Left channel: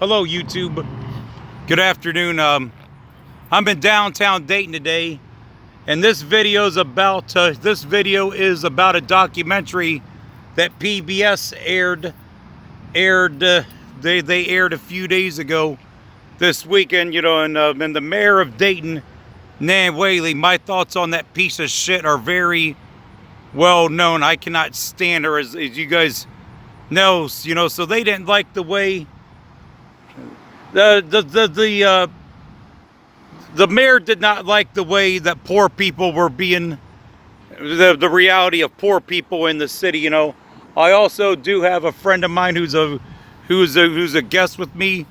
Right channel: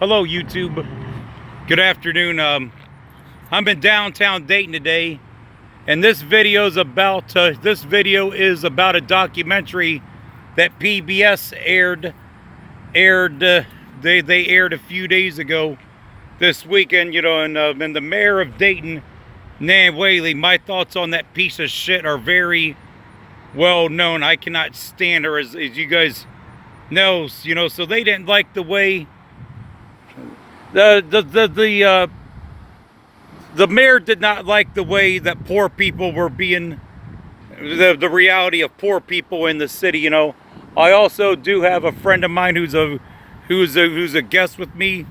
Hello, YouTube. Good afternoon. I'm in downtown Dayton today, and this video is about a documentary that PBS aired. They aired a few days ago this weekend. And the mayor of Dayton, Nan Whaley. My thoughts on that piece of shit are very well known. I cannot stand her, as you guys know. So they didn't like the way. The mayor did not like the way that poor people were being, the reality of poor people in the city. I also do have a friend of mine who's a guest with me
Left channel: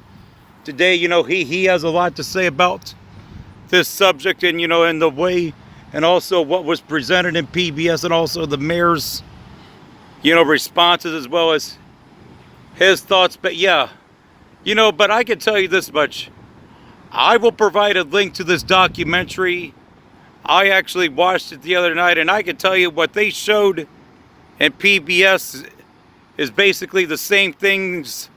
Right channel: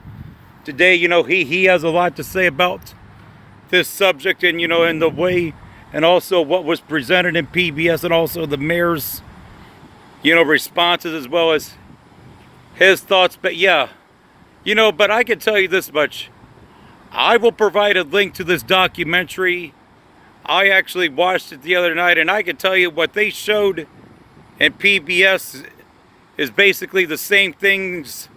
today. He has a lot to say about this subject, and and the way, and also what was presented in PBS, and also the mayor's responses, as well as his thoughts. But yeah. But I can tell you this much. I will provide a link to this documentary. I actually watched it the other night, and I can tell you what they showed in PBS is basically the same things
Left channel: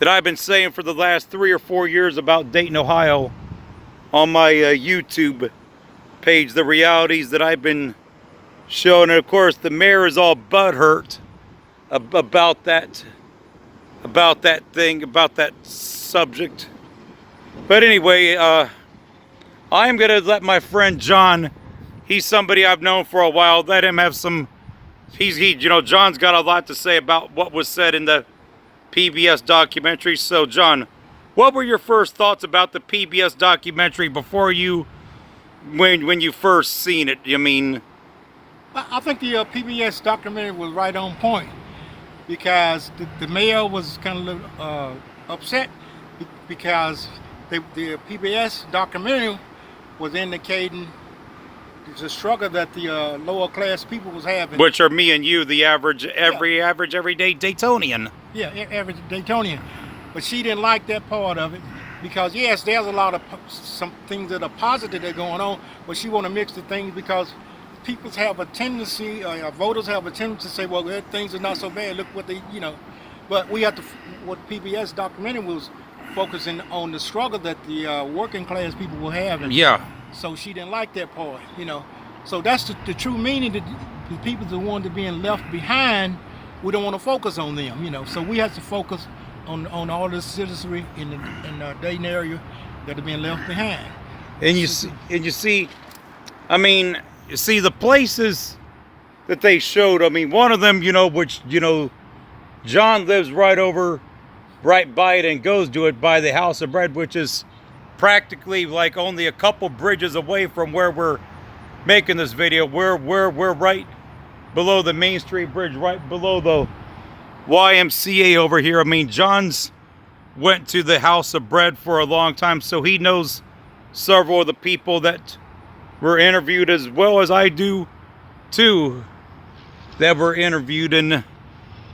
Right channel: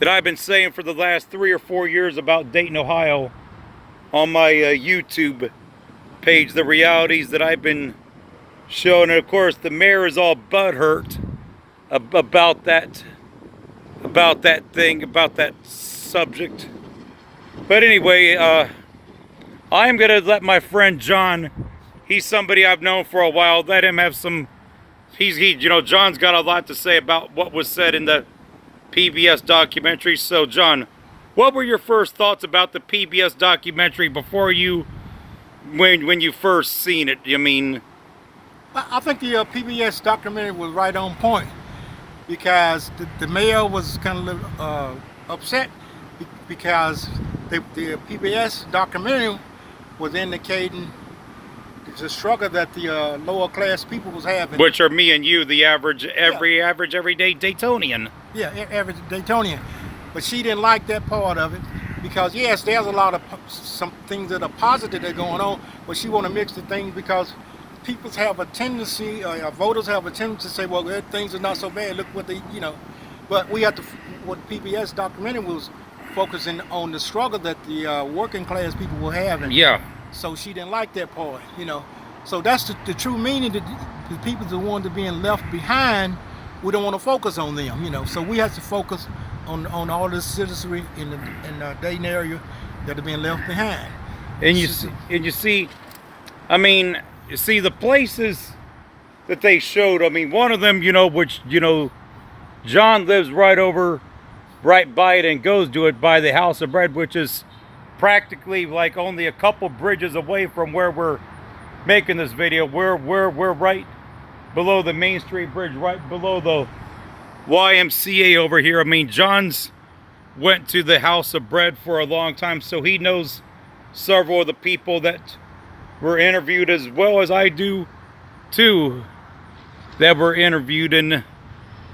that I've been saying for the last 3 or 4 years about Dayton, Ohio on my YouTube page. The realities that I've been showing. And of course, the mayor is all butthurt about that subject. But anyway, I'm gonna let my friend John, he's somebody I've known for a while, let him have some, John's got a lot to say about what was said in the PBS documentary. So John, what were your first thoughts about the PBS documentary before when you first seen it? I think the PBS documentary was right on point, because the mayor was kind of upset because the PBS documentary was indicating the struggle that the lower class people was having. Which are me and you, the average, everyday Daytonian. Yeah, average Daytonian. But she didn't like that part of it, because yes, there's a lot of some things that are positive that are going on, but she want to mix the things, because people have a tendency, voters have a tendency to say, well, things are not so bad, look what they, But we have to, what PBS documentary was focusing on the struggle that the working class people were having. Yeah. So she didn't like that part, So that's the true meaning, that the people that wanted being left behind, we don't want to focus on them, So we have to focus on all the citizenry in the Dayton area that are being left behind. And you see, the places that they showed, one of them, which, John lives right by it and goes to it, by the House of Bread, which is practically like only a couple bridges away from where we're making this video. We're right below the Main Street Bridge, right below the YMCA over here. John's went to the House of Bread for a long time, so he knows several of the people that were interviewed, as well as I do too, that were interviewed. And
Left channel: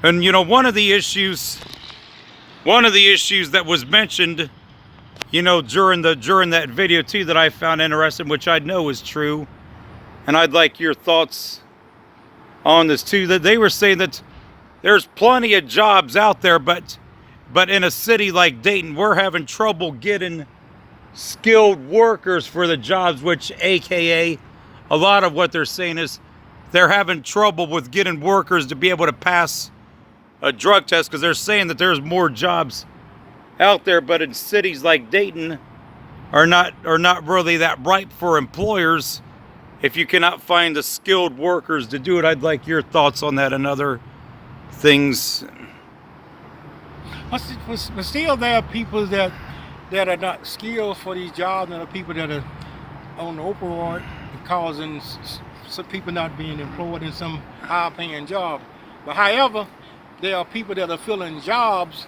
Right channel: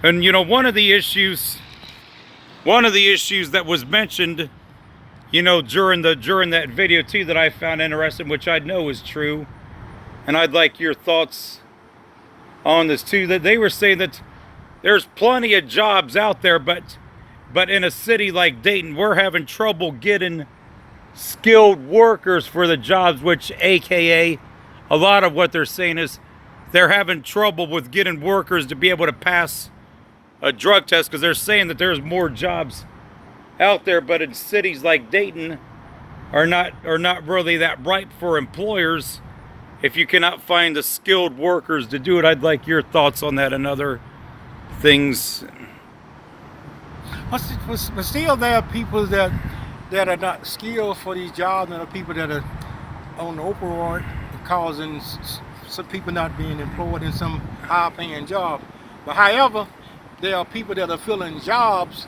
one of the issues that was mentioned, during that video too, that I found interesting, which I know is true, and I'd like your thoughts on this too, that they were saying that there's plenty of jobs out there, but in a city like Dayton, we're having trouble getting skilled workers for the jobs, which AKA a lot of what they're saying is they're having trouble with getting workers to be able to pass a drug test, because they're saying that there's more jobs out there, but in cities like Dayton are not really that ripe for employers if you cannot find the skilled workers to do it. I'd like your thoughts on that and other things. But still, there are people that are not skilled for these jobs, and are people that are on the opioid, causing some people not being employed in some high-paying job. But however, there are people that are filling jobs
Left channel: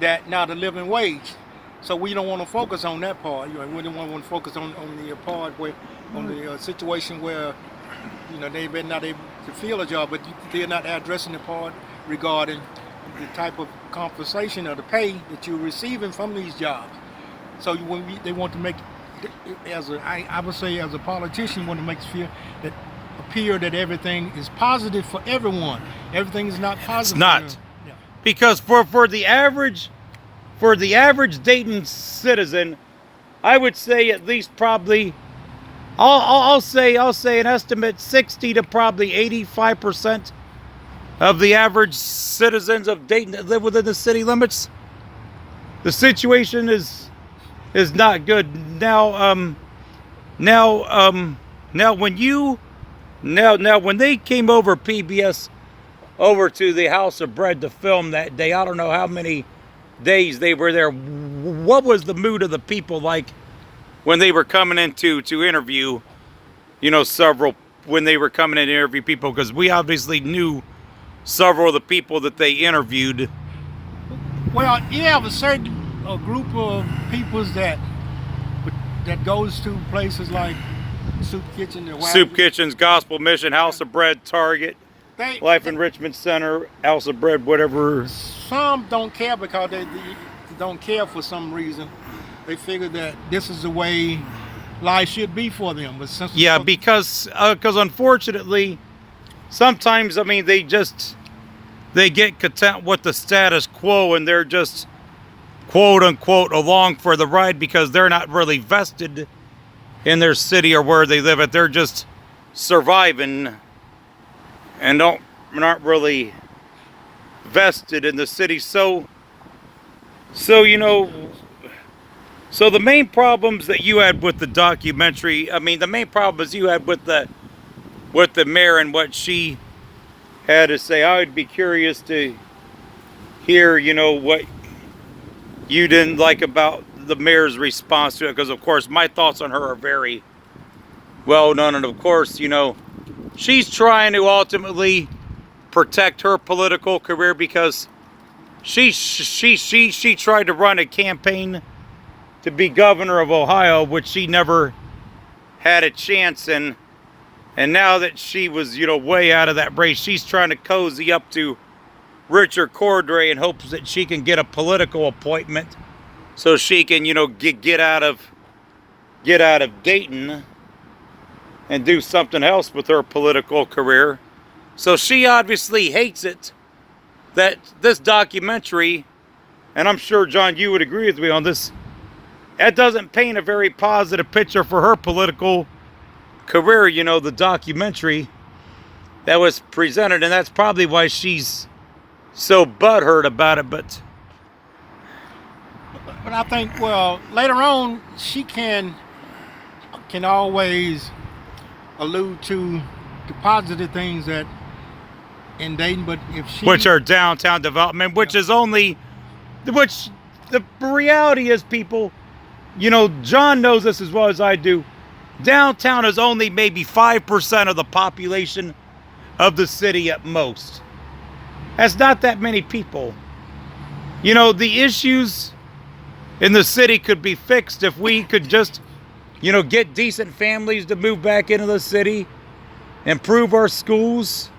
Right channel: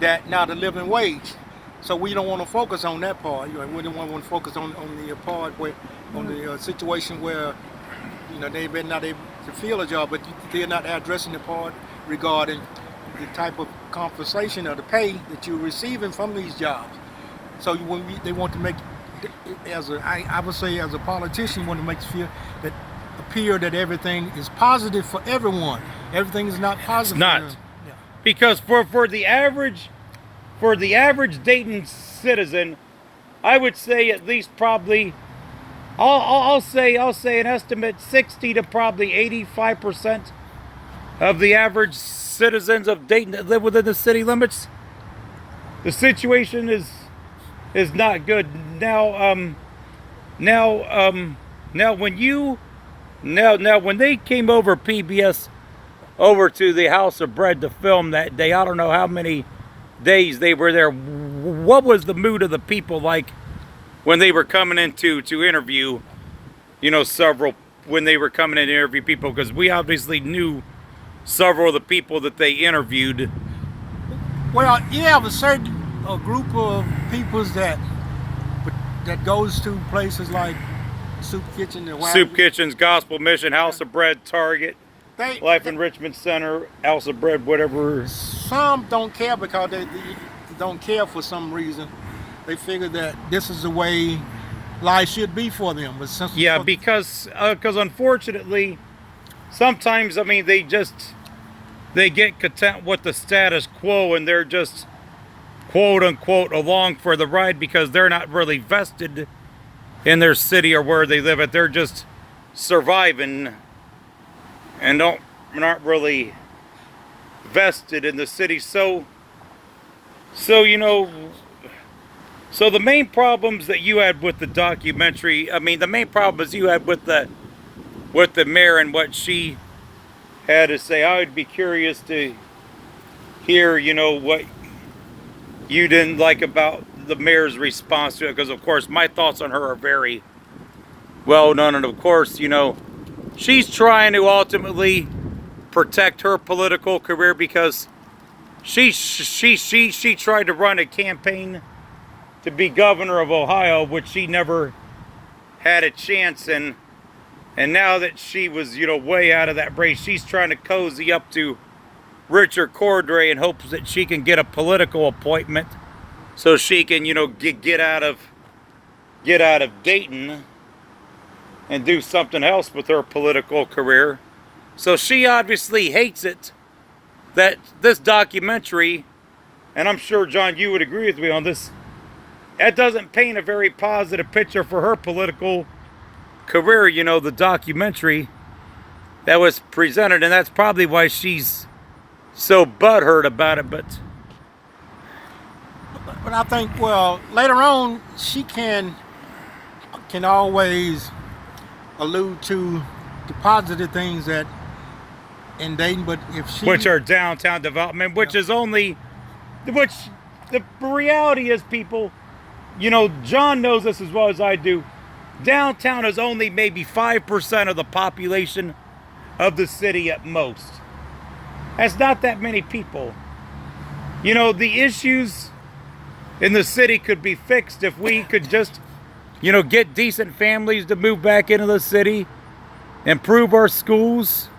that now the living wage. So we don't want to focus on that part. We don't want to focus on the part where, on the situation where, they may not able to fill a job, but they're not addressing the part regarding the type of compensation or the pay that you're receiving from these jobs. So they want to make, I would say, as a politician, want to make feel that appear that everything is positive for everyone. Everything is not positive. It's not. Yeah. Because for the average for the average Dayton citizen, I would say at least probably, I'll say an estimate 60 to probably 85% of the average citizens of Dayton that live within the city limits. The situation is not good now. Now when they came over PBS over to the House of Bread to film that day, I don't know how many days they were there. What was the mood of the people like when they were coming in to interview, when they were coming in to interview people? Because we obviously knew several of the people that they interviewed. Well, you have a group of peoples that goes to places like Soup Kitchen and Soup Kitchens, Gospel Mission, House of Bread, Target, Life Enrichment Center, House of Bread, whatever. Some don't care because they don't care for some reason. They figure that this is the way life should be for them. But because unfortunately, sometimes, I mean, they get content with the status quo and they're just quote unquote along for the ride because they're not really vested in their city or where they live at. They're just surviving and aren't really vested in the city. So the main problems that you had with the documentary, I mean, the main problems you had with the mayor and what she had to say, I would be curious to hear, what you didn't like about the mayor's response to it, because of course my thoughts on her are very well known, and of course, she's trying to ultimately protect her political career because she tried to run a campaign to be governor of Ohio, which she never had a chance in. And now that she was, way out of that race, she's trying to cozy up to Richard Cordray in hopes that she can get a political appointment so she can, get out of Dayton and do something else with her political career. So she obviously hates it that this documentary, and I'm sure, John, you would agree with me on this, that doesn't paint a very positive picture for her political career, the documentary that was presented, and that's probably why she's so butthurt about it. But I think, well, later on she can always allude to the positive things that in Dayton, but if she, which are downtown development, which is only, which the reality is, people, John knows this as well as I do. Downtown is only maybe 5% of the population of the city at most. That's not that many people. The issues in the city could be fixed if we could just, get decent families to move back into the city, improve our schools,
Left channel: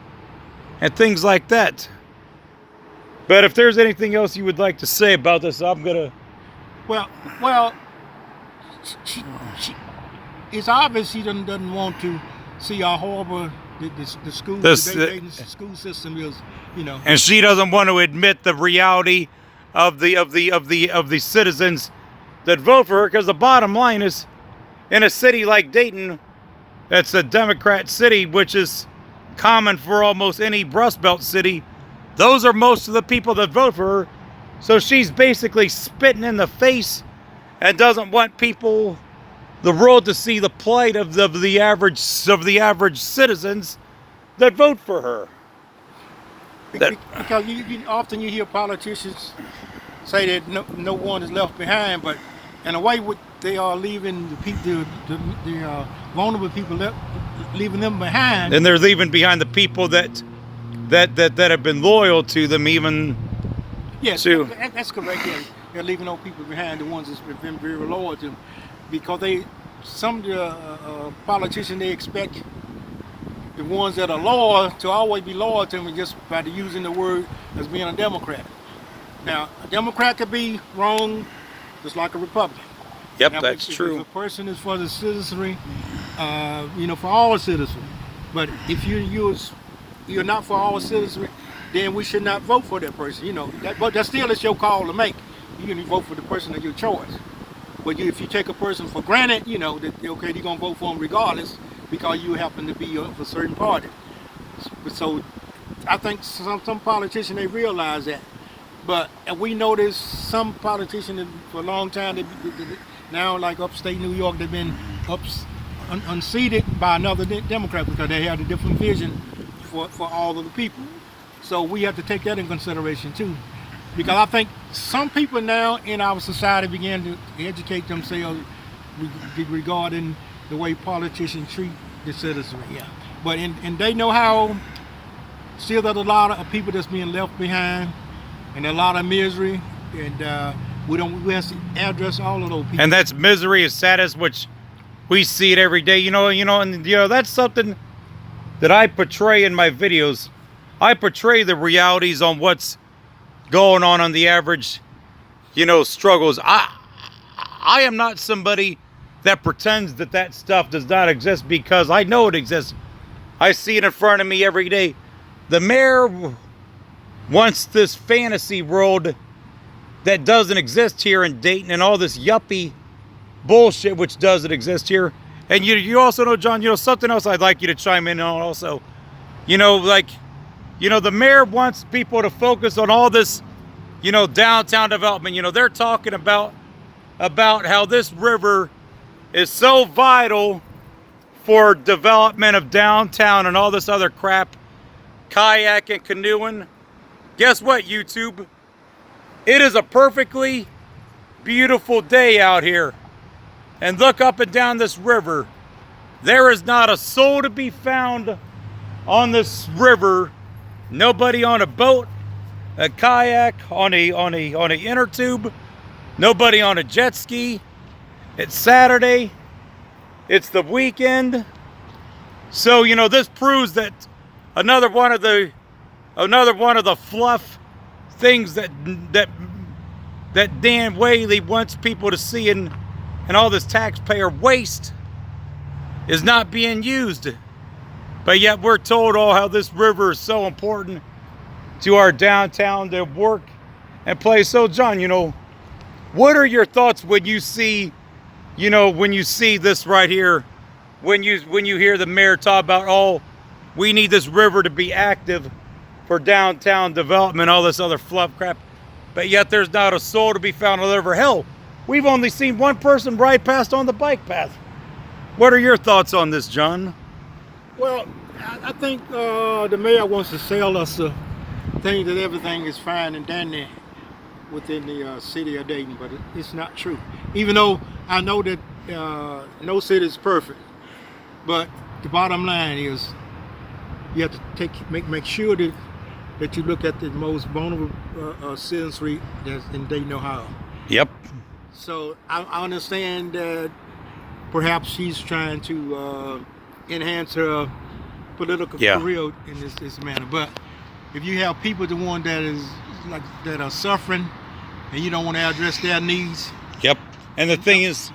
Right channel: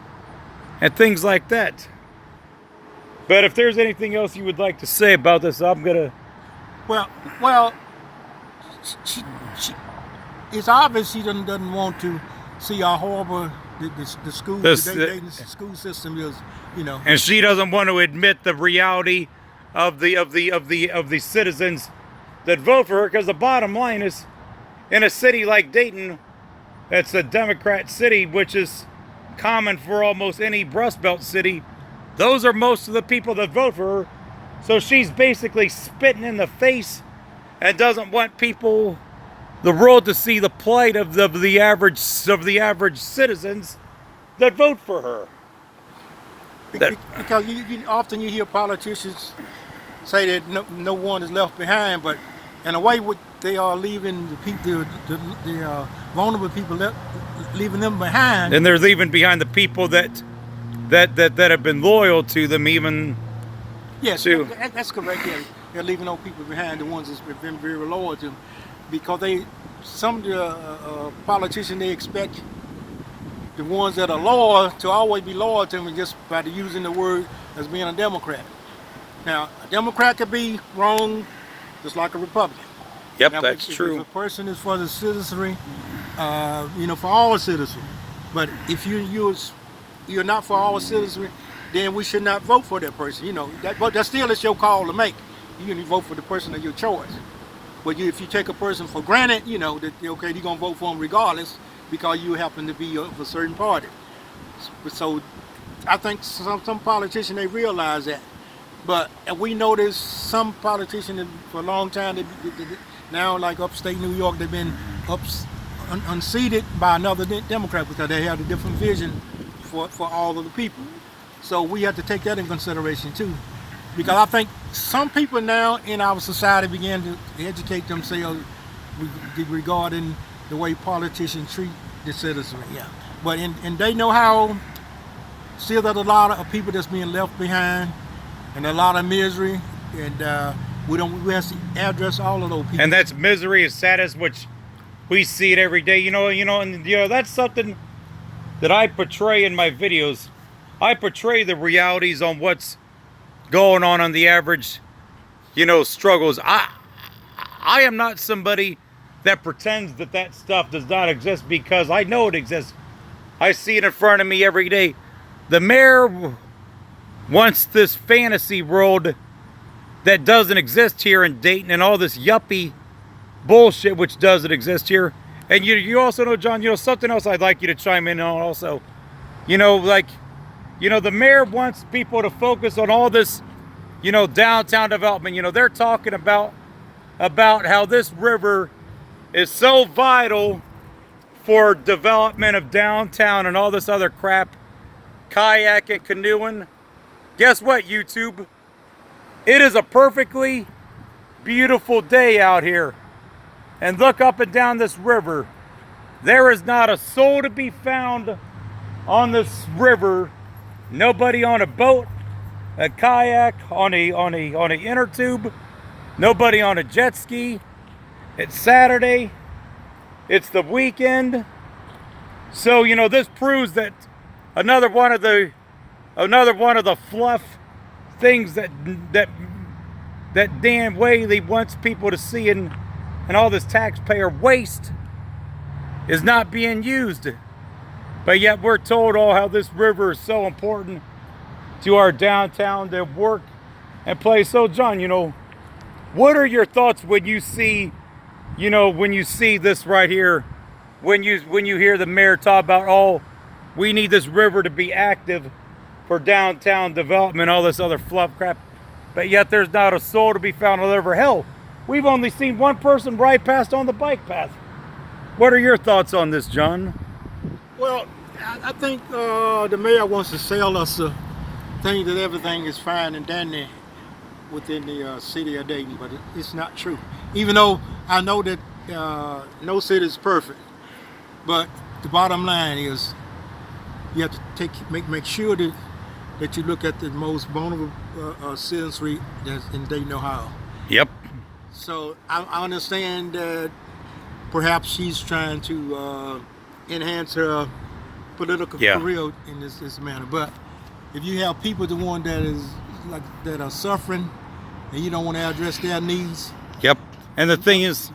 and things like that. But if there's anything else you would like to say about this, I'm gonna. Well, she it's obvious she doesn't want to see how horrible the school, the school system is, And she doesn't want to admit the reality of the citizens that vote for her, because the bottom line is, in a city like Dayton, that's a Democrat city, which is common for almost any Rust Belt city, those are most of the people that vote for her. So she's basically spitting in the face and doesn't want people, the world, to see the plight of the average citizens that vote for her. Because often you hear politicians say that no one is left behind, but in a way, they are leaving the people, the vulnerable people, leaving them behind. And they're leaving behind the people that have been loyal to them, even. Yes, that's correct. Yeah. They're leaving those people behind, the ones that's been very loyal to them, because some of the politicians, they expect the ones that are loyal to always be loyal to them, just by using the word as being a Democrat. Now, a Democrat could be wrong, just like a Republican. Yep, now, that's true. If a person is for the citizenry, for all citizens. But if you're not for all citizens, then we should not vote for that person. But that still is your call to make. you can vote for the person of your choice. But if you take a person for granted, that okay, you're gonna vote for them regardless because you happen to be of a certain party. So I think some politicians, they realize that. But we notice some politicians for a long time, now like upstate New York, they've been unseated by another Democrat because they have a different vision for all of the people. So we have to take that in consideration too. Because I think some people now in our society begin to educate themselves regarding the way politicians treat the citizenry. Yeah. But and they know how still there's a lot of people that's being left behind and a lot of misery, and we have to address all of those people. And that's misery is sadness, which we see it every day. And that's something that I portray in my videos. I portray the realities on what's going on the average, struggles. I am not somebody that pretends that stuff does not exist, because I know it exists. I see it in front of me every day. The mayor wants this fantasy world that doesn't exist here in Dayton, and all this yuppie bullshit which doesn't exist here. And you also know, John, something else I'd like you to chime in on also. The mayor wants people to focus on all this, downtown development. They're talking about how this river is so vital for development of downtown and all this other crap, kayaking, canoeing. Guess what, YouTube? It is a perfectly beautiful day out here. And look up and down this river. There is not a soul to be found on this river. Nobody on a boat, a kayak, on a inner tube. Nobody on a jet ski. It's Saturday. It's the weekend. So, this proves that another one of the fluff things that Dan Whaley wants people to see, and all this taxpayer waste is not being used. But yet we're told how this river is so important to our downtown to work and play. So, John, what are your thoughts when you see, this right here, when you hear the mayor talk about, we need this river to be active for downtown development, all this other fluff crap, but yet there's not a soul to be found on the river? Hell, we've only seen one person ride past on the bike path. What are your thoughts on this, John? Well, I think the mayor wants to sell us the thing that everything is fine and dandy within the city of Dayton, but it's not true. Even though I know that no city is perfect, but the bottom line is you have to make sure that you look at the most vulnerable citizenry that's in Dayton, Ohio. Yep. So I understand that perhaps she's trying to enhance her political career in this manner. But if you have people, the one that are suffering, and you don't want to address their needs. Yep. And the thing is,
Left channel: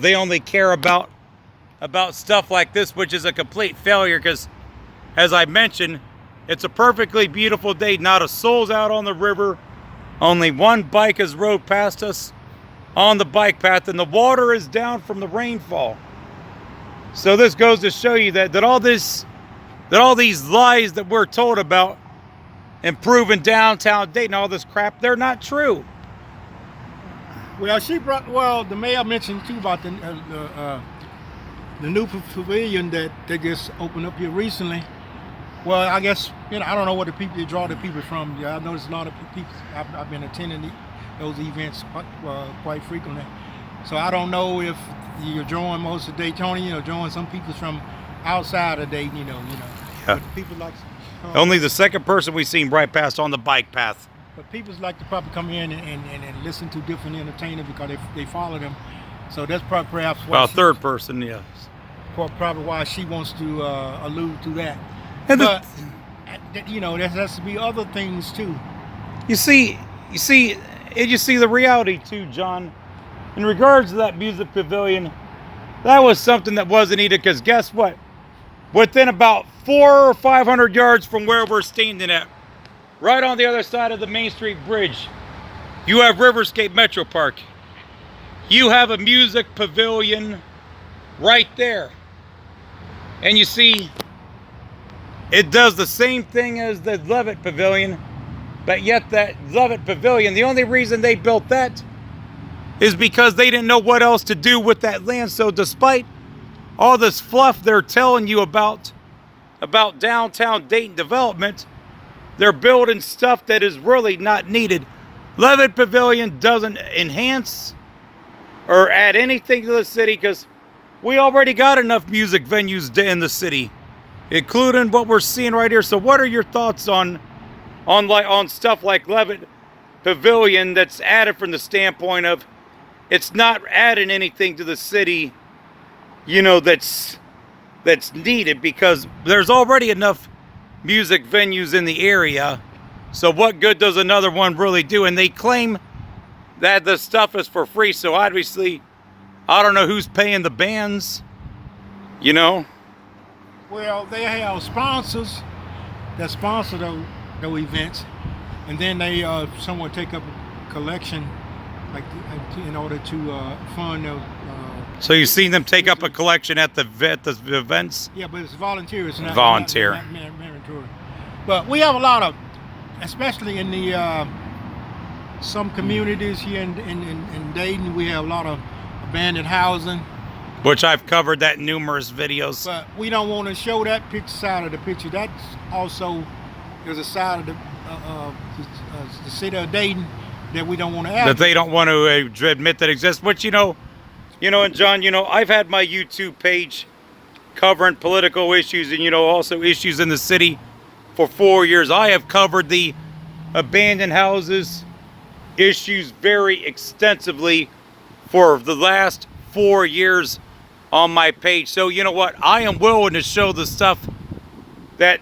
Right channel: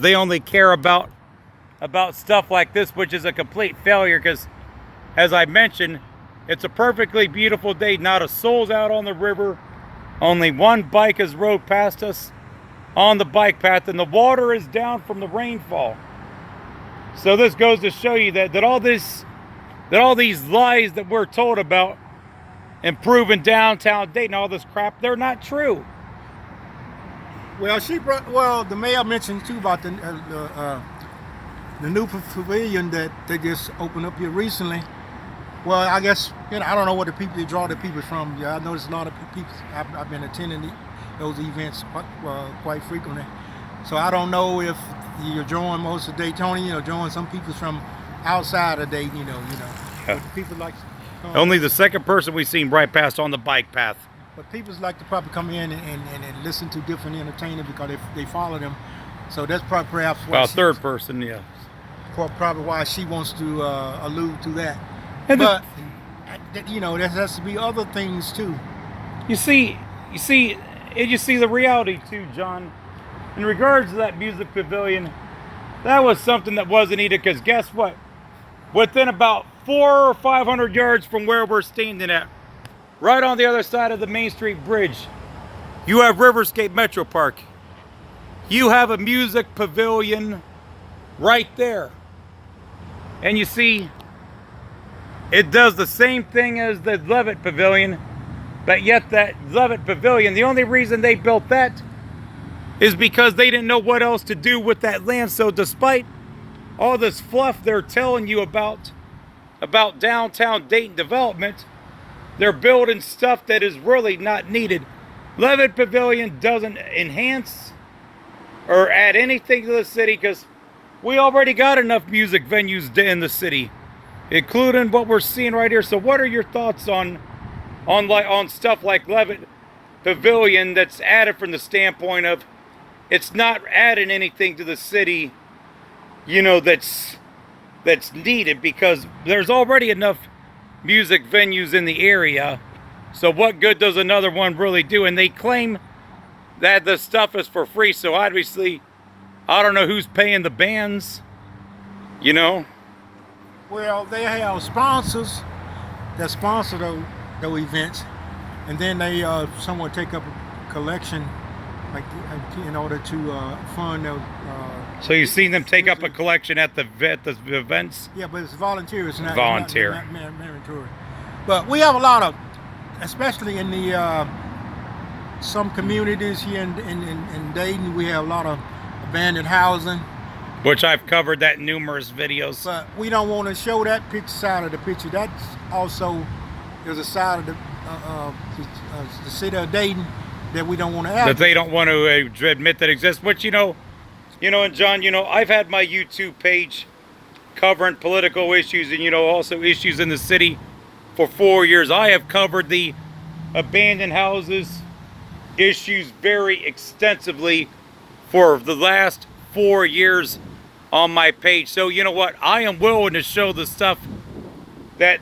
they only care about stuff like this, which is a complete failure, because, as I mentioned, it's a perfectly beautiful day. Not a soul's out on the river. Only one bike has rode past us on the bike path, and the water is down from the rainfall. So this goes to show you that all these lies that we're told about improving downtown Dayton, all this crap, they're not true. Well, the mayor mentioned too about the new pavilion that they just opened up here recently. Well, I guess, I don't know what they draw the people from. Yeah, I noticed a lot of people. I've been attending those events quite frequently. So I don't know if you're drawing most of Daytonians, drawing some people from outside of Dayton, Yeah. People like only the second person we've seen right past on the bike path. But people like to probably come in and listen to different entertainers because they follow them. So that's perhaps why. Well, third person, yeah. Probably why she wants to allude to that. And but there has to be other things too. You see the reality too, John. In regards to that music pavilion, that was something that wasn't needed, because guess what? Within about 400 or 500 yards from where we're standing at, right on the other side of the Main Street Bridge, You have Riverscape Metro Park. You have a music pavilion right there. And you see, it does the same thing as the Levitt Pavilion, but yet that Levitt Pavilion, the only reason they built that is because they didn't know what else to do with that land. So despite all this fluff they're telling you about downtown Dayton development, they're building stuff that is really not needed. Levitt Pavilion doesn't enhance or add anything to the city because we already got enough music venues in the city, including what we're seeing right here. So what are your thoughts on stuff like Levitt Pavilion that's added from the standpoint of it's not adding anything to the city, you know, that's needed, because there's already enough music venues in the area. So what good does another one really do? And they claim that the stuff is for free. So obviously, I don't know who's paying the bands, you know? Well, they have sponsors that sponsor those events, and then they somewhat take up a collection, like in order to fund those. So you've seen them take up a collection at the events? Yeah, but it's volunteer. It's not volunteer. Not mandatory. But we have a lot of, especially in the some communities here in Dayton, we have a lot of abandoned housing. Which I've covered that in numerous videos. But we don't want to show that side of the picture. That also is a side of the city of Dayton that we don't want to add. That they don't want to admit that exists. But you know, and John, I've had my YouTube page covering political issues and, also issues in the city for 4 years. I have covered the abandoned houses issues very extensively for the last 4 years on my page. So you know what? I am willing to show the stuff that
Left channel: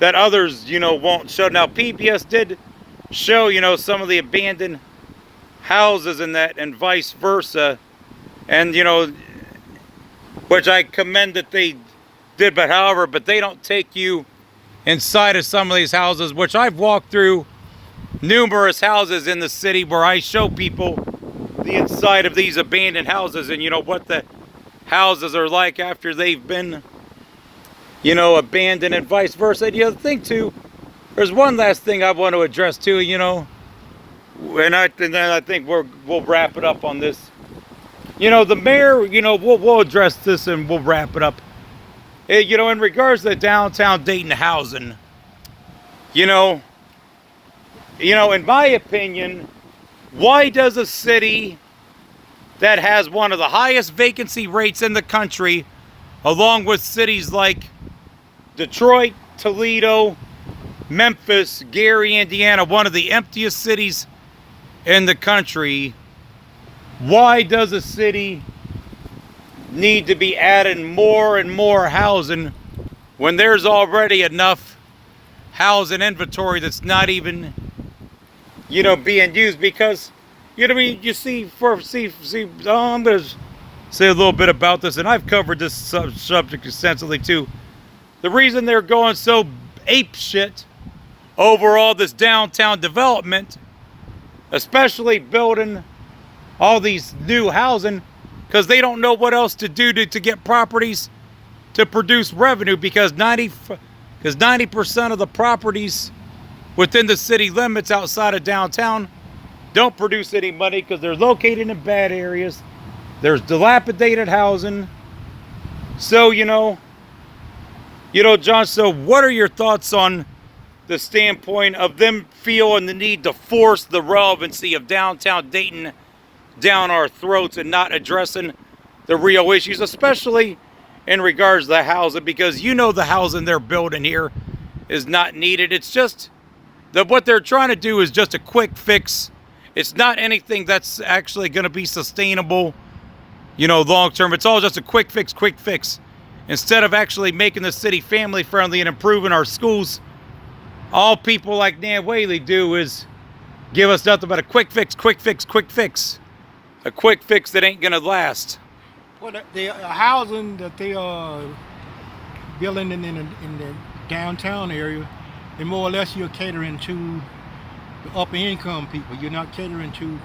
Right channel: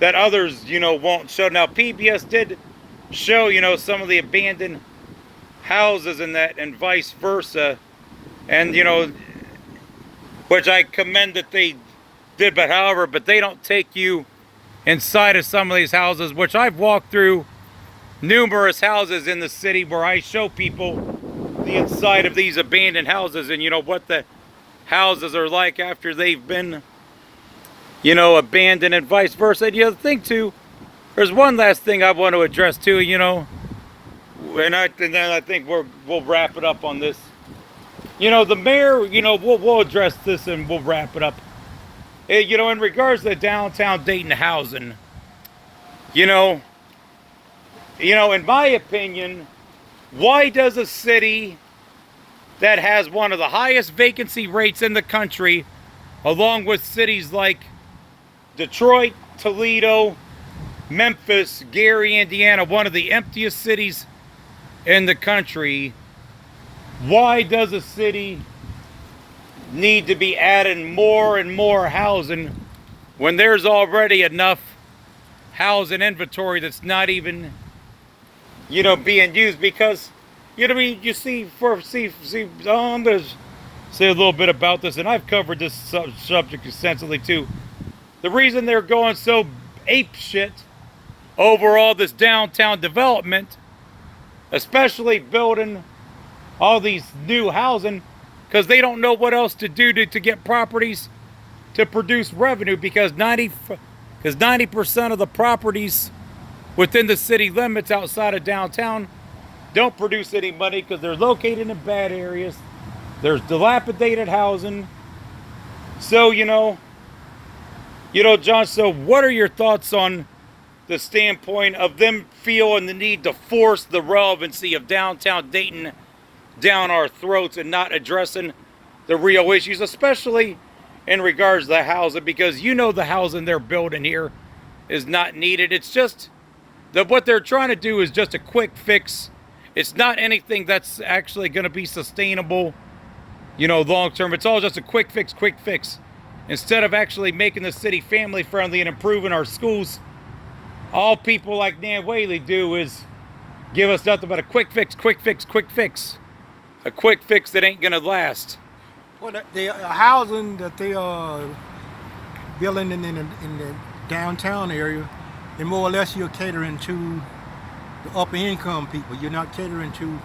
others, won't show. Now PBS did show, some of the abandoned houses and that, and vice versa. And, which I commend that they did, but they don't take you inside of some of these houses, which I've walked through numerous houses in the city where I show people the inside of these abandoned houses and, what the houses are like after they've been, abandoned, and vice versa. And the other thing too, there's one last thing I want to address too, and then I think we'll wrap it up on this. The mayor, we'll address this and we'll wrap it up. In regards to the downtown Dayton housing, in my opinion, why does a city that has one of the highest vacancy rates in the country, along with cities like Detroit, Toledo, Memphis, Gary, Indiana, one of the emptiest cities in the country, why does a city need to be adding more and more housing when there's already enough housing inventory that's not even, being used? Because, I'm gonna say a little bit about this, and I've covered this subject extensively too. The reason they're going so ape shit over all this downtown development, especially building all these new housing, because they don't know what else to do to get properties to produce revenue, because 90% of the properties within the city limits outside of downtown don't produce any money because they're located in bad areas. There's dilapidated housing. So, John, so what are your thoughts on the standpoint of them feeling the need to force the relevancy of downtown Dayton down our throats and not addressing the real issues, especially in regards to the housing? Because the housing they're building here is not needed. It's just that what they're trying to do is just a quick fix. It's not anything that's actually going to be sustainable, long term. It's all just a quick fix. Instead of actually making the city family friendly and improving our schools, all people like Nan Whaley do is give us nothing but a quick fix. A quick fix that ain't going to last. Well, the housing that they are building in the downtown area, and more or less you're catering to the upper income people. You're not catering to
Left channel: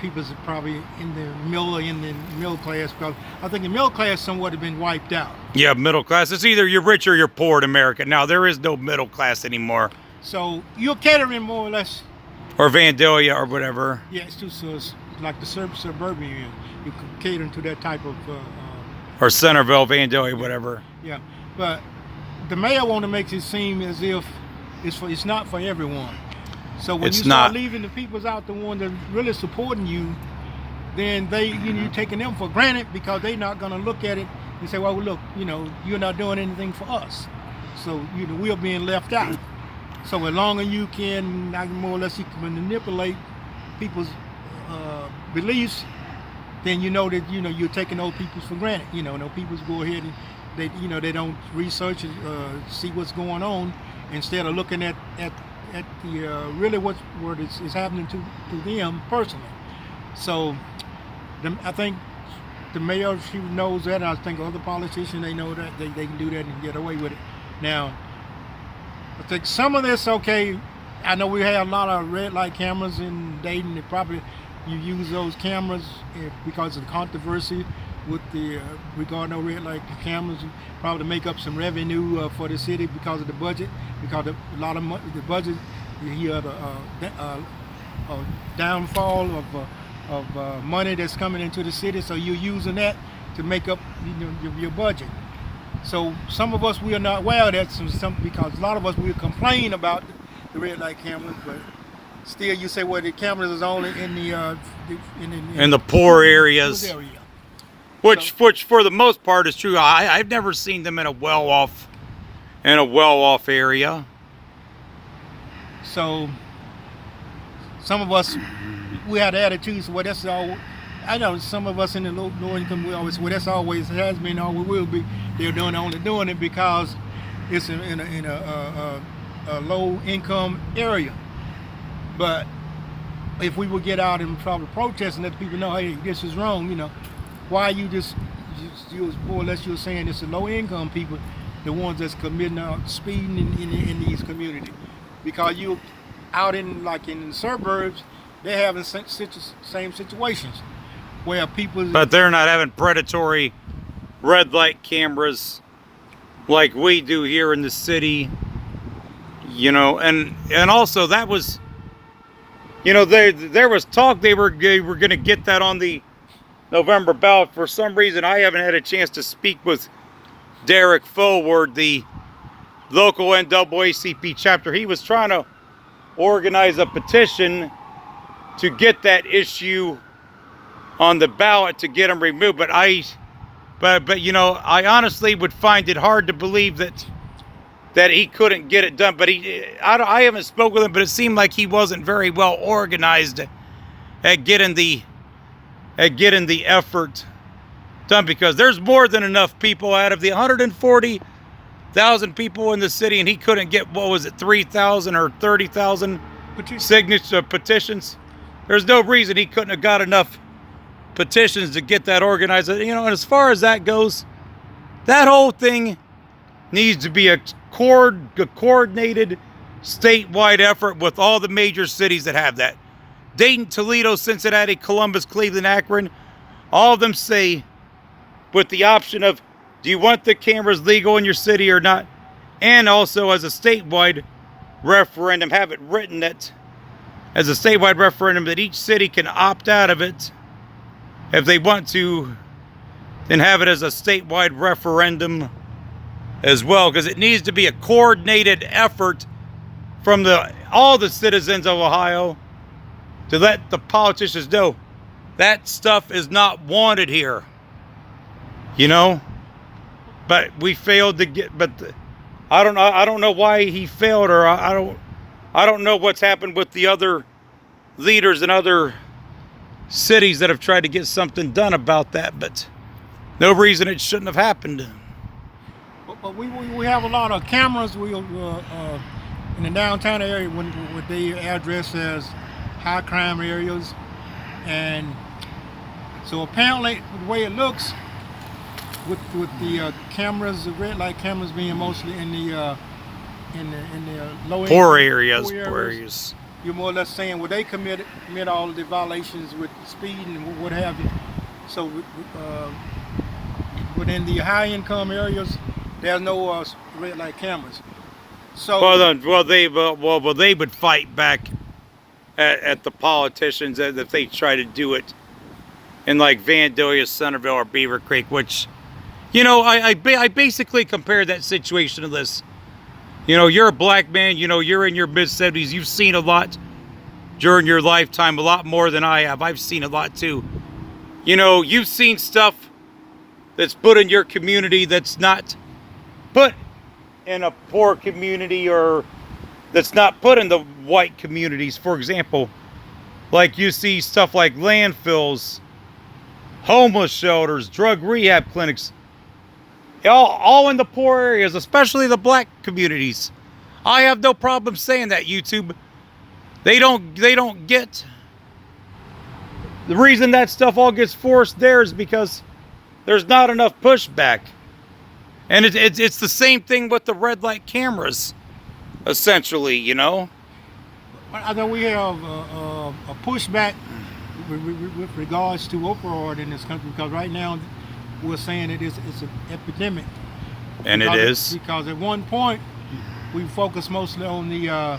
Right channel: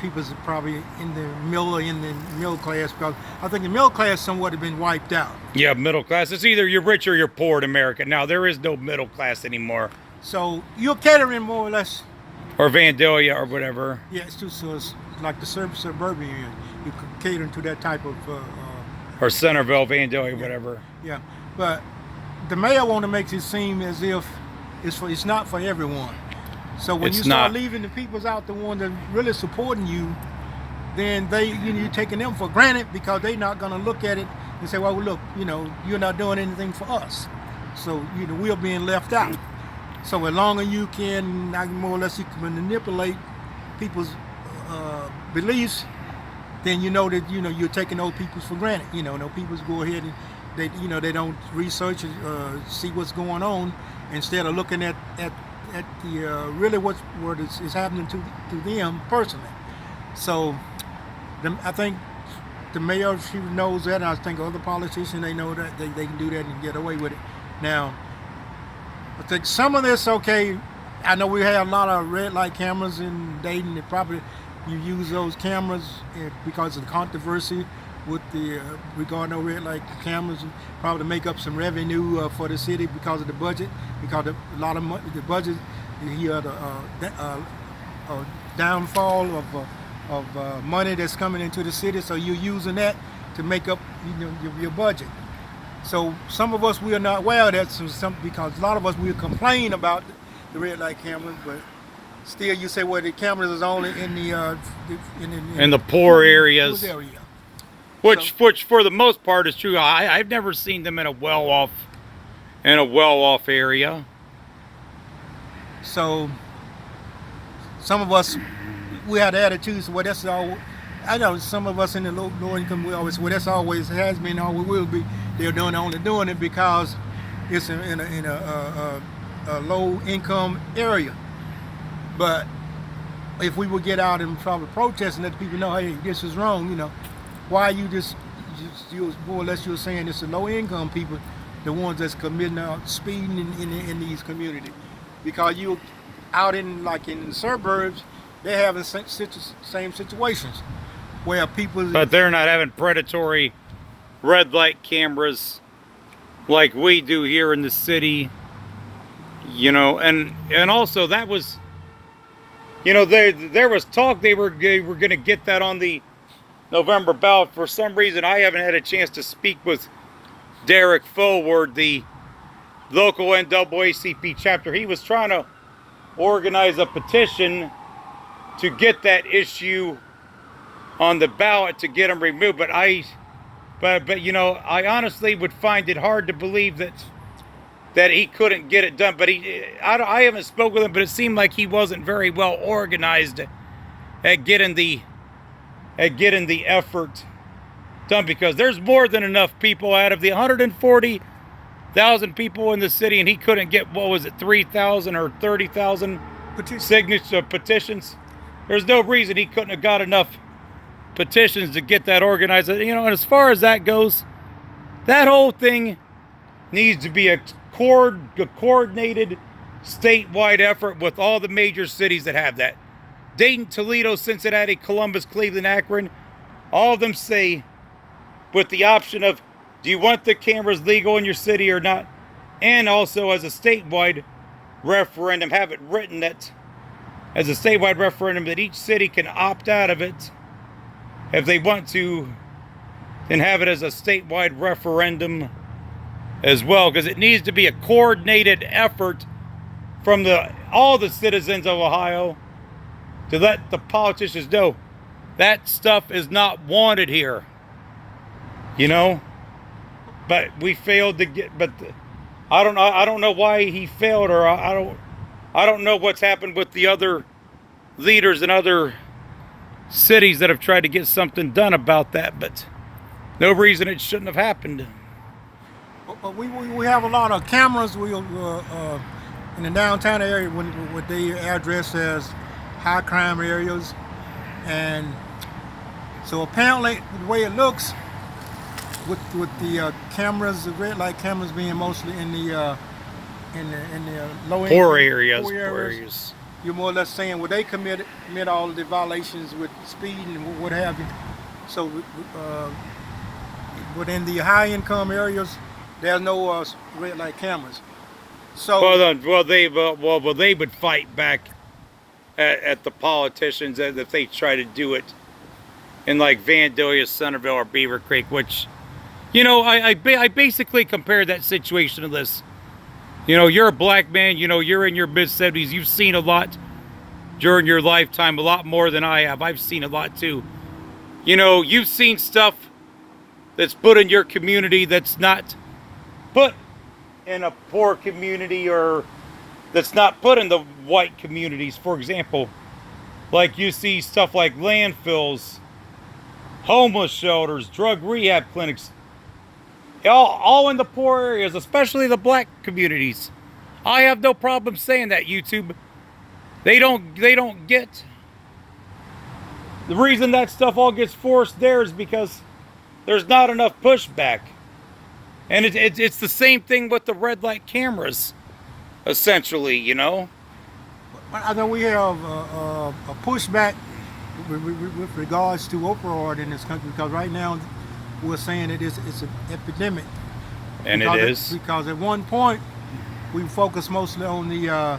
people that probably in the middle class, because I think the middle class somewhat have been wiped out. Yeah, middle class. It's either you're rich or you're poor in America. Now, there is no middle class anymore. So you're catering more or less. Or Vandalia or whatever. Yeah, it's like the suburban. You catering to that type of. Or Centerville, Vandalia, whatever. Yeah, but the mayor want to make it seem as if it's not for everyone. So when you start leaving the peoples out, the one that really supporting you, then you're taking them for granted, because they're not going to look at it and say, well, look, you're not doing anything for us. So we're being left out. So as long as you can, more or less, you can manipulate people's beliefs, then that you're taking those people for granted. No people go ahead and they don't research and see what's going on, instead of looking at the really what is happening to them personally. So I think the mayor, she knows that, and I think other politicians, they know that they can do that and get away with it. Now, I think some of this, okay, I know we have a lot of red light cameras in Dayton. Probably you use those cameras because of the controversy with the regarding those red light cameras, probably to make up some revenue for the city because of the budget, because a lot of the budget, you had a downfall of money that's coming into the city, so you're using that to make up your budget. So some of us, we are not aware of that, because a lot of us, we complain about the red light cameras, but still you say, well, the cameras is only in the poor areas. Area. Which for the most part is true. I've never seen them in a well-off area. So some of us, we had attitudes. Well, that's all. I know some of us in the low income, we always, well, that's always has been, always will be. They're only doing it because it's in a low income area. But if we would get out and probably protest and let people know, hey, this is wrong, why you you more or less you're saying it's the low income people, the ones that's committing speeding in these communities, because you out in the suburbs, they're having same situations where people. But they're not having predatory red light cameras like we do here in the city, and also that was, there was talk they were going to get that on the November ballot. For some reason, I haven't had a chance to speak with Derek Forward, the local NAACP chapter. He was trying to organize a petition to get that issue on the ballot to get them removed. But I honestly would find it hard to believe that he couldn't get it done. But I haven't spoken with him, but it seemed like he wasn't very well organized at getting the effort done, because there's more than enough people out of the 140,000 people in the city, and he couldn't get, 3,000 or 30,000 petitions. There's no reason he couldn't have got enough petitions to get that organized. And as far as that goes, that whole thing needs to be a coordinated statewide effort with all the major cities that have that. Dayton, Toledo, Cincinnati, Columbus, Cleveland, Akron, all of them say, with the option of, do you want the cameras legal in your city or not? And also as a statewide referendum, have it written that as a statewide referendum that each city can opt out of it if they want to, and have it as a statewide referendum as well, because it needs to be a coordinated effort from all the citizens of Ohio to let the politicians know that stuff is not wanted here, But we failed to get. But I don't know why he failed, or I don't know what's happened with the other leaders in other cities that have tried to get something done about that. But no reason it shouldn't have happened. But we have a lot of cameras. We in the downtown area, what they address as high crime areas, and so apparently the way it looks with the cameras, the red light cameras being mostly in the low poor areas. you're more or less saying, well, they commit all of the violations with speed and what have you. So within the high income areas, there's no red light cameras. So they would fight back at the politicians if they try to do it in like Vandalia, Centerville, or Beaver Creek, which, you know, I basically compared that situation to this. You know, you're a black man, you know, you're in your mid-70s, you've seen a lot during your lifetime, a lot more than I have. I've seen a lot too. You know, you've seen stuff that's put in your community that's not put in a poor community, or that's not put in the white communities. For example, like you see stuff like landfills, homeless shelters, drug rehab clinics, all in the poor areas, especially the black communities. I have no problem saying that, YouTube. They don't get the reason that stuff all gets forced there is because there's not enough pushback. And it's the same thing with the red light cameras, essentially, you know. I know we have a pushback with regards to opioid in this country, because right now we're saying it's an epidemic. And it is. Because at one point we focused mostly on the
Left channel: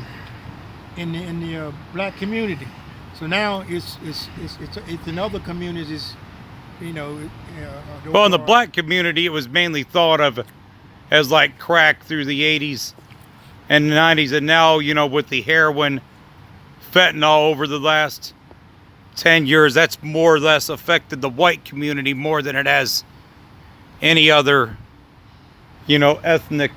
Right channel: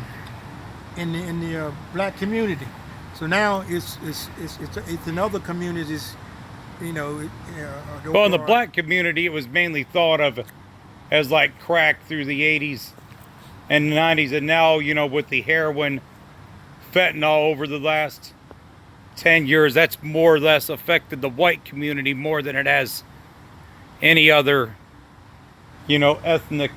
in the black community. So now it's in other communities, you know. Well, in the black community, it was mainly thought of as like crack through the 80s and 90s, and now, you know, with the heroin, fentanyl over the last 10 years, that's more or less affected the white community more than it has any other, you know, ethnic,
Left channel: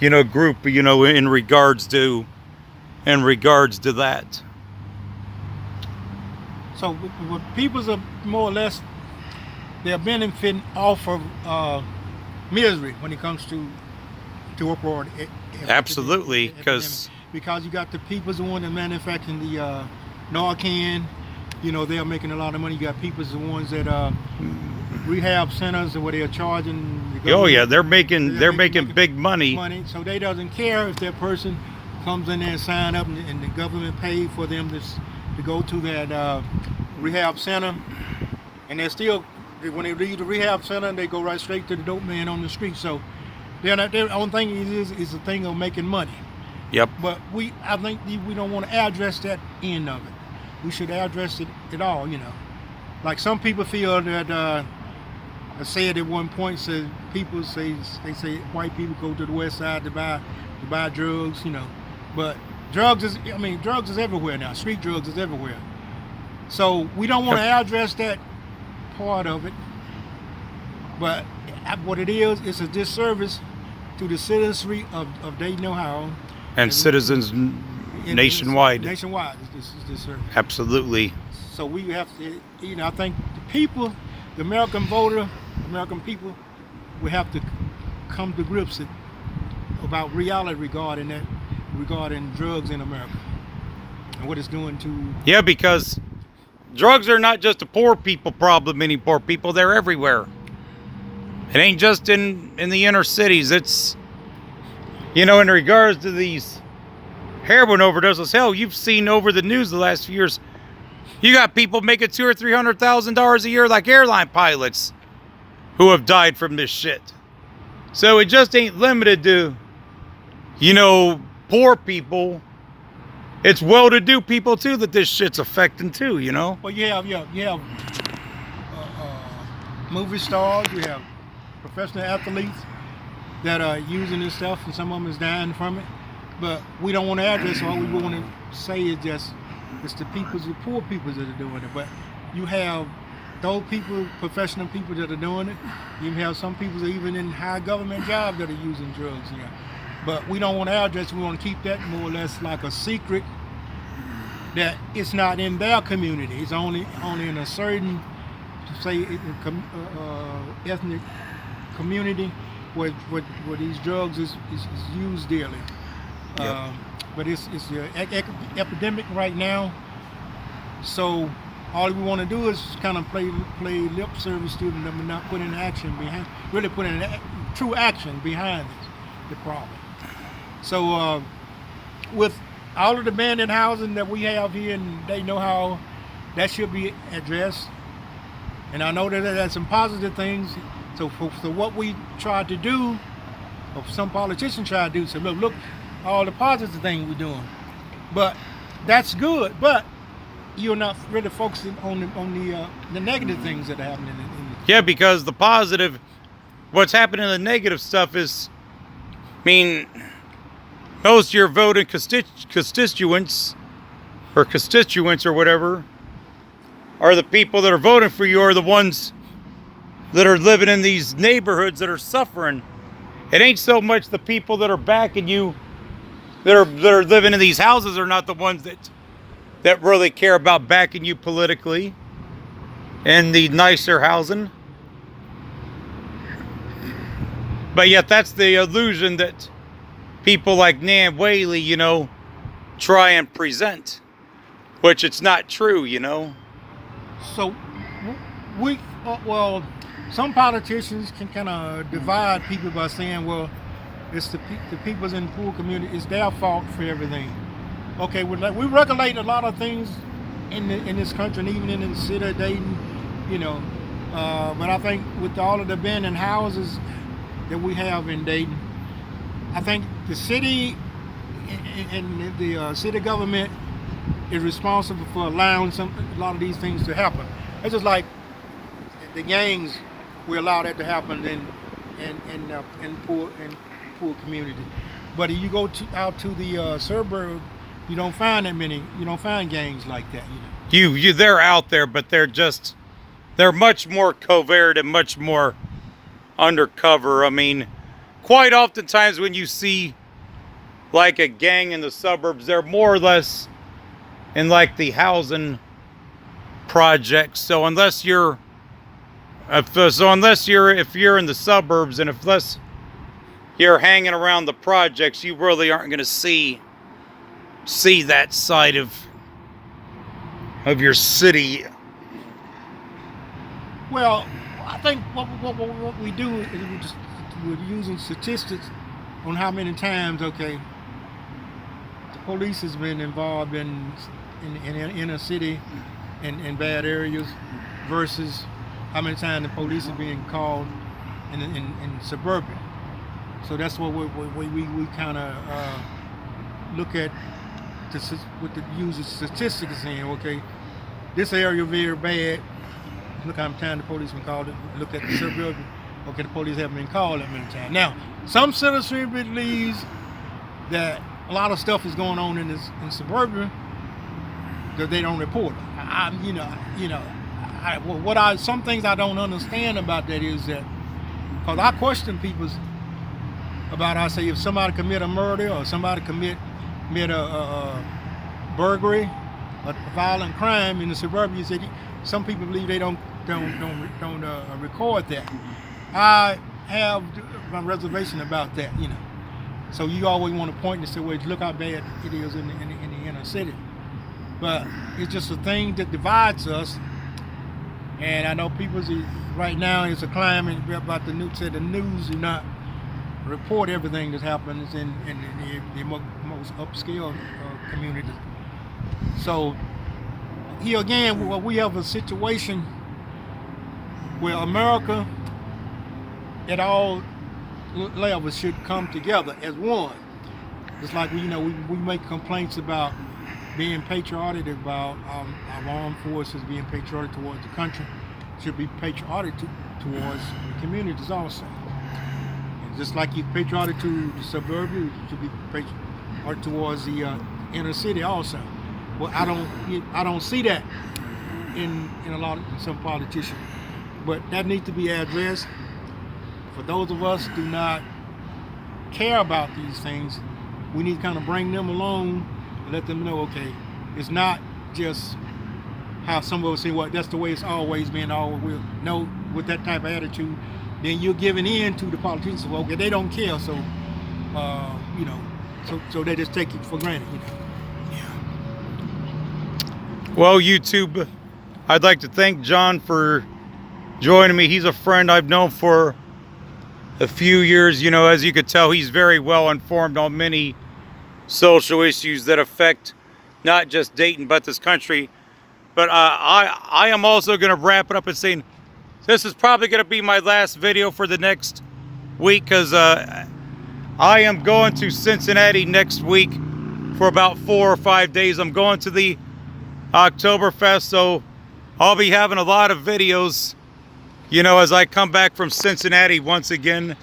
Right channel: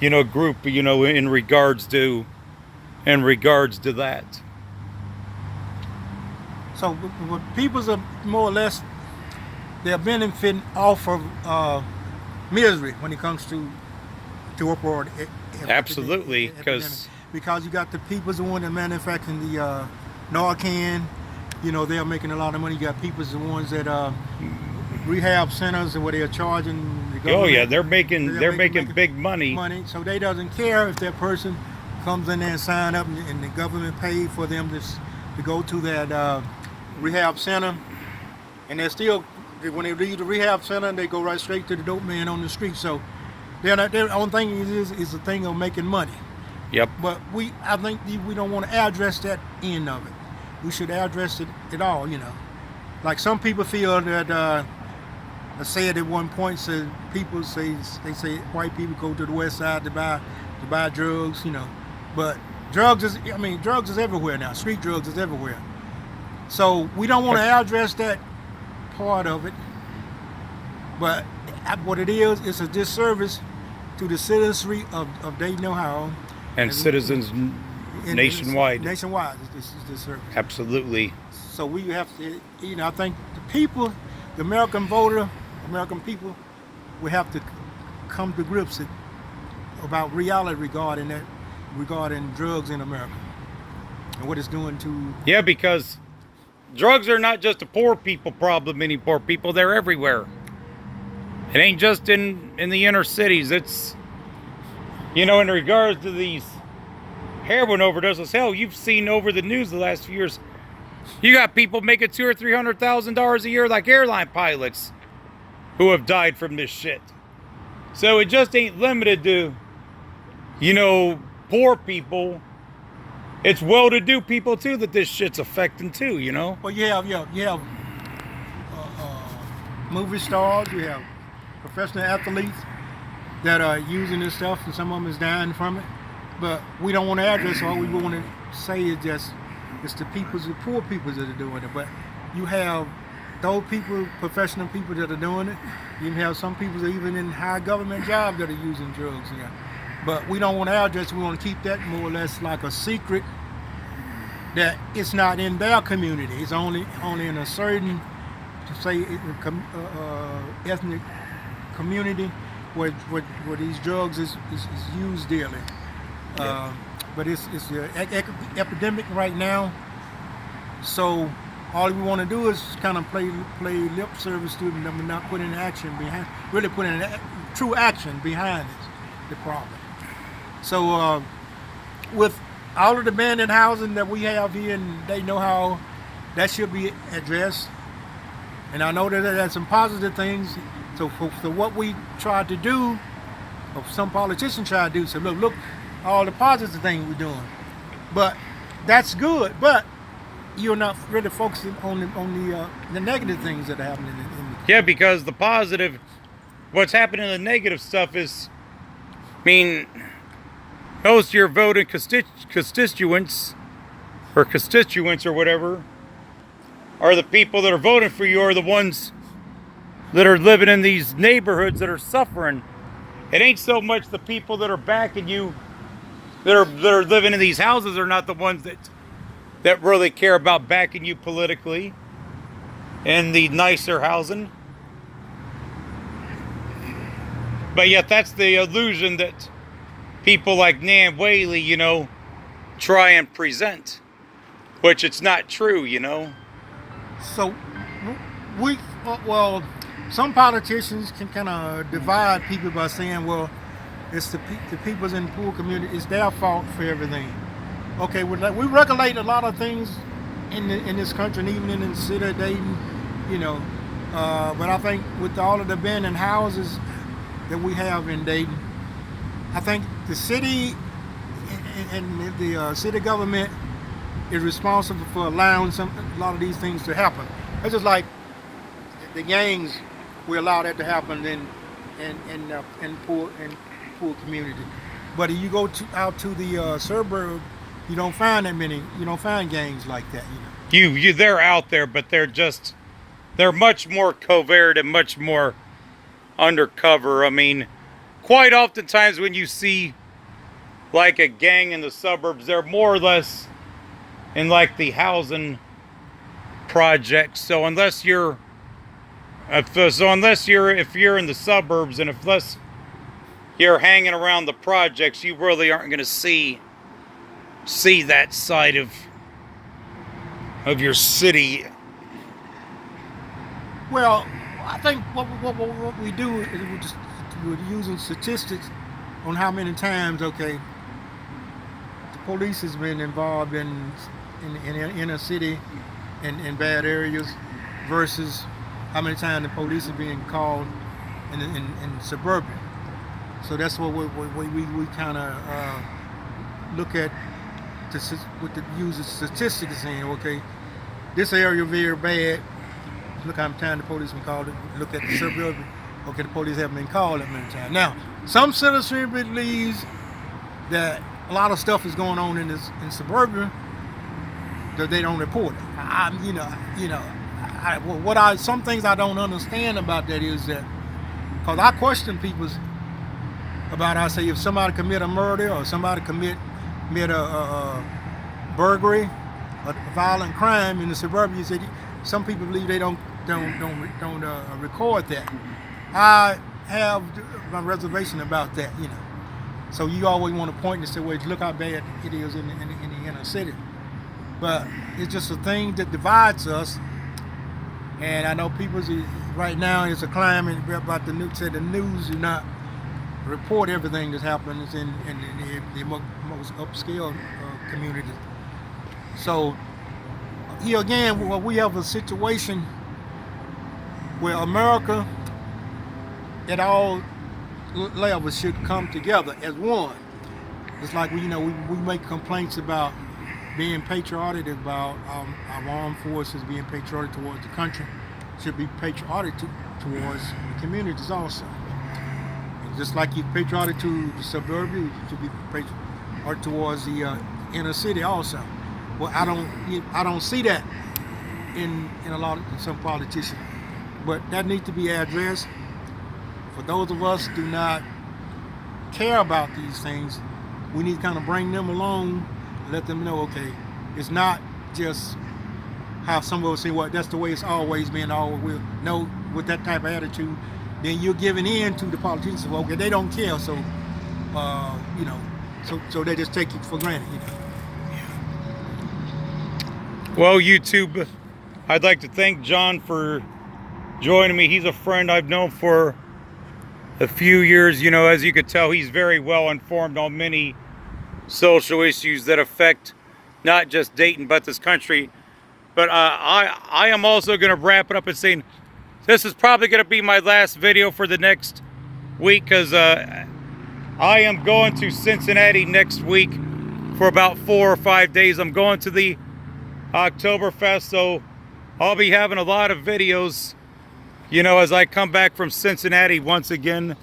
you know, group, you know, in regards to that. So people are more or less, they're benefiting off of misery when it comes to opioid. Absolutely, because you got the people the one that manufacturing the Narcan, you know, they're making a lot of money. You got people the ones that rehab centers and where they're charging the government. Oh yeah, they're making big money. So they doesn't care if that person comes in there and sign up and the government paid for them to go to that rehab center, and they're still, when they leave the rehab center, they go right straight to the dope man on the street. So their only thing is a thing of making money. Yep. But I think we don't want to address that end of it. We should address it at all, you know. Like some people feel that I said at one point, they say white people go to the west side to buy drugs, you know. But drugs is everywhere now. Street drugs is everywhere. So we don't want to address that part of it. But what it is, it's a disservice to the citizenry of Dayton, Ohio. And citizens nationwide. Nationwide, it's disservice. Absolutely. So we have to, you know, I think the people, the American voter, American people, we have to come to grips about reality regarding drugs in America and what it's doing to. Yeah, because drugs are not just a poor people problem anymore. People, they're everywhere. It ain't just in the inner cities. It's, you know, in regards to these heroin overdoses, hell, you've seen over the news the last few years, you got people making $200,000 or $300,000 a year, like airline pilots, who have died from this shit. So it just ain't limited to, you know, poor people. It's well-to-do people too that this shit's affecting too, you know. Well, you have movie stars, you have professional athletes that are using this stuff, and some of them is dying from it. But we don't want to address. All we want to say is just it's the poor people that are doing it. But you have those people, professional people that are doing it. You have some people that are even in high government jobs that are using drugs. Yeah. But we don't want to address. We want to keep that more or less like a secret. That it's not in their community. It's only in a certain, say, ethnic community where these drugs is used daily. Yeah. But it's an epidemic right now. So all we want to do is kind of play lip service to them, but not put in action behind. Really put in true action behind it, the problem. So all of the abandoned housing that we have here, and they know how that should be addressed. And I know that there's some positive things. So what we tried to do, or some politicians try to do, so look, all the positive things we're doing. But that's good. But you're not really focusing on the negative things that are happening Yeah, because the positive, what's happening in the negative stuff is, I mean, most of your voting constituents or whatever are the people that are voting for you, are the ones that are living in these neighborhoods that are suffering. It ain't so much the people that are backing you that are living in these houses are not the ones that really care about backing you politically and the nicer housing. But yet that's the illusion that people like Nan Whaley, you know, try and present, which it's not true, you know. So well, some politicians can kind of divide people by saying, well, it's the people's in the poor community, it's their fault for everything. Okay, we regulate a lot of things in this country, and even in the city of Dayton, you know. But I think with all of the abandoned houses that we have in Dayton, I think the city and the city government is responsible for allowing a lot of these things to happen. It's just like the gangs, we allow that to happen in poor community. But if you go out to the suburb, you don't find gangs like that. You know. They're out there, but they're much more covert and much more undercover. I mean, quite oftentimes when you see like a gang in the suburbs, they're more or less in like the housing projects. So if you're in the suburbs, and unless you're hanging around the projects, you really aren't going to see that side of your city. Well, I think what we do is we're using statistics on how many times, okay, the police has been involved in inner city in bad areas versus how many times the police are being called in suburban. So that's what we kind of look at with the use of statistics, saying, okay, this area very bad. Look how many times the police been called. Look at the suburban. Okay, the police haven't been called that many times. Now, some citizens believes that a lot of stuff is going on in suburban that they don't report it. Some things I don't understand about that is that, because I question people about, I say, if somebody commit a murder or somebody commit a burglary, a violent crime in the suburb, you said some people believe they don't record that. I have my reservation about that, you know. So you always want to point and say, well, look how bad it is in the inner city. But it's just a thing that divides us. And I know people right now it's a climate about the news. The news do not report everything that happens in the most upscale communities. So here again, we have a situation where America at all levels should come together as one. It's like we make complaints about being patriotic, about our armed forces being patriotic towards the country. Should be patriotic towards the communities also. Just like you're patriotic to the suburbia, to be patriotic towards the inner city also. Well, I don't see that in some politicians, but that needs to be addressed. For those of us who do not care about these things, we need to kind of bring them along and let them know, okay, it's not just how some of us say, well, that's the way it's always been, always will. No, with that type of attitude, then you're giving in to the politicians. Well, okay, they don't care, so so they just take it for granted, you know. Well, YouTube, I'd like to thank John for joining me. He's a friend I've known for a few years. You know, as you could tell, he's very well informed on many social issues that affect not just Dayton but this country. But I am also going to wrap it up and saying this is probably going to be my last video for the next week, because I am going to Cincinnati next week for about 4 or 5 days. I'm going to the Oktoberfest, so I'll be having a lot of videos, you know, as I come back from Cincinnati once again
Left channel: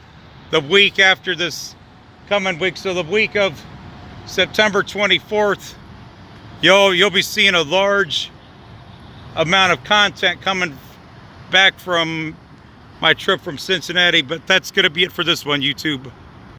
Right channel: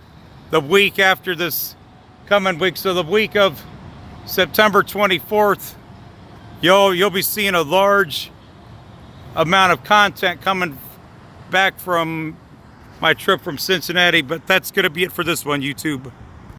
the week after this coming week. So the week of September 24th, you'll be seeing a large amount of content coming back from my trip from Cincinnati. But that's going to be it for this one, YouTube.